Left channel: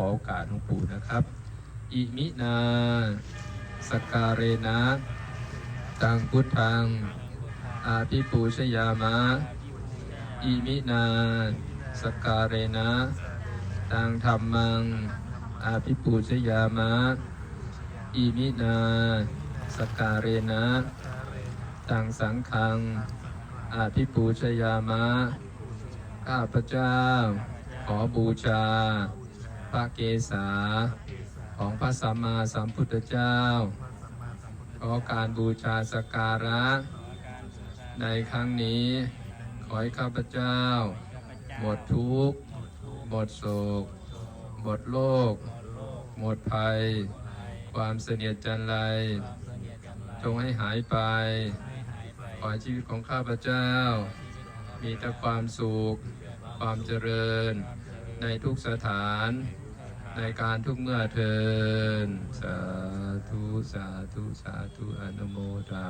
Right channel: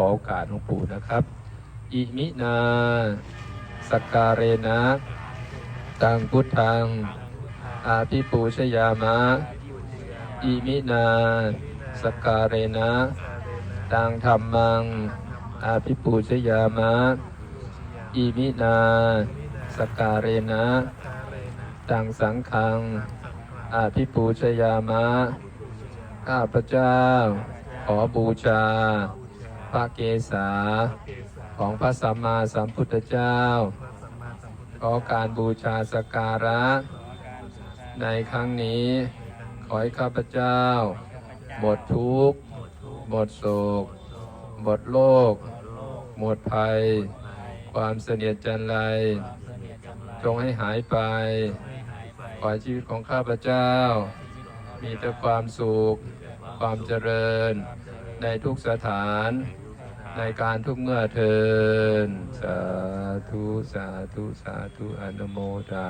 ขอโอกาสหลวงปู่นะครับ อิมินาสกการเรนะตังพุทธัง อาภิปูชยามะ อิมินาสกการเรนะตังธรรมัง อาภิปูชยามะ อิมินาสกการเรนะตังสังฆัง อาภิปูชยามะ ข้าพเจ้า ขอบูชา พระเกศาของพระสัมมาสัมพุทธเจ้า ขอการบูชาสกการะ ในครั้งนี้ ขอให้ข้าพเจ้า หมดทุกข์ หมดโศก หมดโลก หมดภัย ความเสนียดจันไร จงให้หายไป ขอให้ชีวิตของข้าพเจ้า มีแต่ความสุข ความเจริญในทุกสถาน ในการทุกเมื่อเทิน สาธุ สาธุ สาธุ อนุโมทา